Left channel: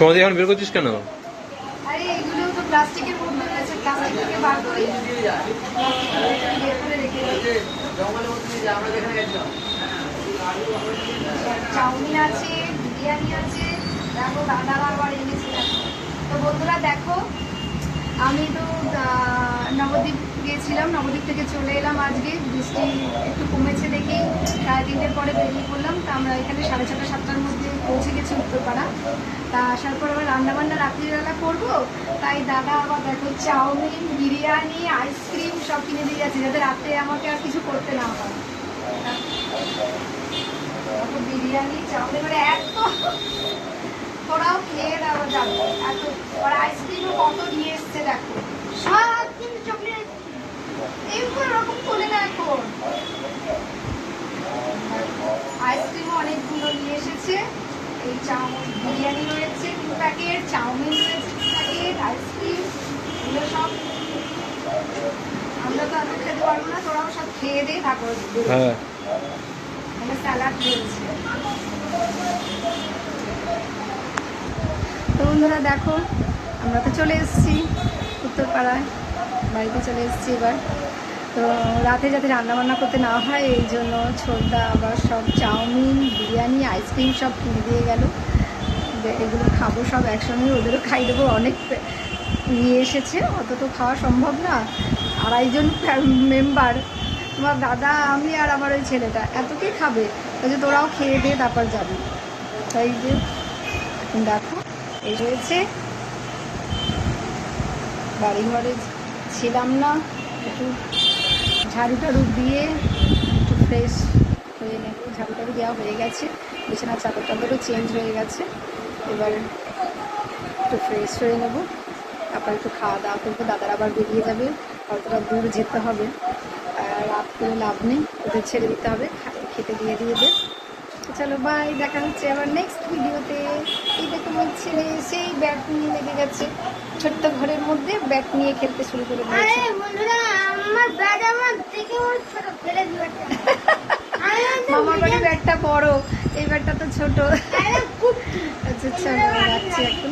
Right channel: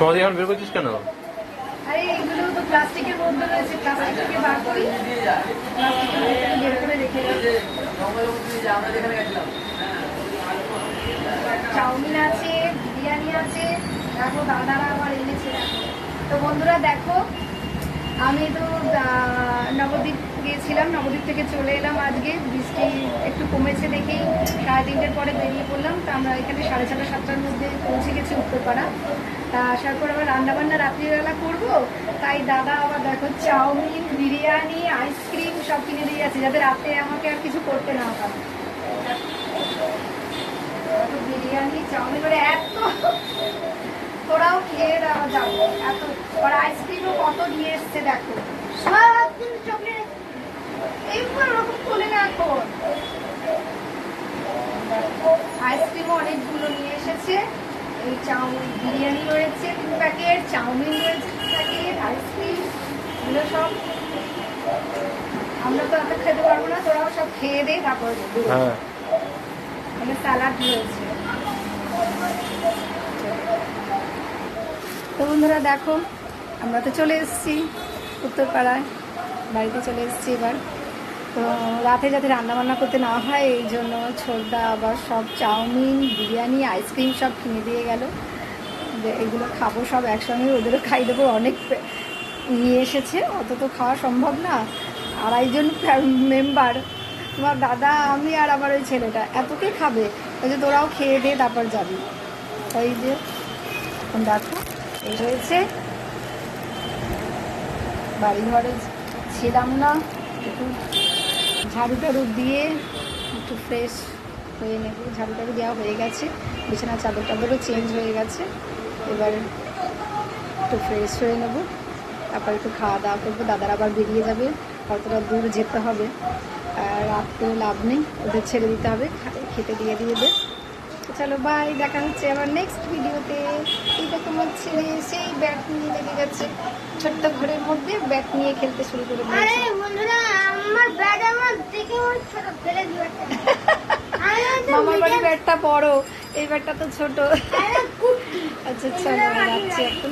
সমাধি এখন বের করছিস কেন? আরে এগুলো তো প্লাস্টিকের মধ্যে রয়েছে, প্লাস্টিক থেকে বার করে বের করে রেখে দিয়েছি। চাউমিন আছে, বিরিয়ানি আছে, তারপর দাদারা আবার এনেছিলাম। তো বন্ধুরা দেখো, আমি তো নবদ্বীপ গিয়েছিলাম, নবদ্বীপ থেকে চলে এলাম আজকে। বৃষ্টি একটু কমেছে দেখি 3:30-এর পরে বেরিয়ে পড়লাম। তা আমরা এখানে 6:30-7টার মধ্যে পৌঁছে গেছি উত্তরপাড়া। তা আসার পর আবার রান্নাবান্না রাত্রিবেলা করবো, তাই দাদা আবার দেখো চাউমিন, বিরিয়ানি, আইসক্রিম সব কিনে দিয়ে গেছে, যাতে রাতে আমাকে আর কিছু করতে না হয়। বিরিয়ানি, চাউমিন করে এত, তোরাও খেয়ে দেওয়া যাবে এত। আর আইসক্রিমও কত নিয়ে এসছে দেখো, সারাদিন চকলেট এইগুলো রকম তোলে না এখন। আইসক্রিমও অনেকগুলো নিয়ে এসেছে। এই চাউমিন, বিরিয়ানি রয়েছে 2 প্যাকেট, চাউমিন রয়েছে 2 প্যাকেট, আইসক্রিম এগুলো সব। আমরা তো আমরা খেতে পারবো না, তোরাও সব খেয়ে দে তারপরে হ্যাঁ, স্যালাড রয়েছে। তো বন্ধুরা দেখো, আমরা তো চলে এসেছি উত্তরপাড়ায়, বাড়িতে চলে এসেছি এবার। তো রাতে যাতে রান্নাবান্না করতে না হয় এই জন্য ছোটদা আবার সব চাউমিন, বিরিয়ানি, আইসক্রিম সব কিনে দিয়ে গেল। এগুলো খাবো সব একসঙ্গে, ওদেরও খাই দেবো। অনেক নিয়ে এসেছে, অত তো খাওয়া সম্ভব না। 2.5 জন মেম্বার, তোমার দাদা, আমি আর আমার ওই ছেলেটা, এতকে খাবে? ওই যে তোরাও খেয়ে দিয়ে তারপর যাবি। তাই যে এখন দেখো এই হয়েছে, বাড়ি ঘরে ছিলাম না, একটু ঝাড়ু টাড়ু দিয়ে একটু ফ্রেশ হয়ে নেব। ঝাড়ু টাড়ু দেওয়া হয়ে গেছে, বিছানার চাদর টাদরও চেঞ্জ হয়ে গেছে। এবার একটু ফ্রেশ হয়ে নেব, তারপর একটু খাওয়া দাওয়া করবো। দাদারা আবার বেরিয়ে যাবে, অতটা দূর যেতে হবে, রাত করে লাভ নেই, ওদের ছেড়ে দিতে হবে, খেতে দিয়ে দেবে। চলো বাই, দেখা হচ্ছে আবার নেক্সট ভিডিওতে। এই দেখো আমার ছেলে সেই ব্যাট নিয়ে লেগে গেছে, ছোট্ট ঘরের মধ্যে ব্যাট নিয়ে খেলতে শুরু করে দিয়েছে। মামার বাড়ি ব্যাটটা বড়, এই ব্যাটটা তো ছোট। আচ্ছা চলো রাখছি এখন।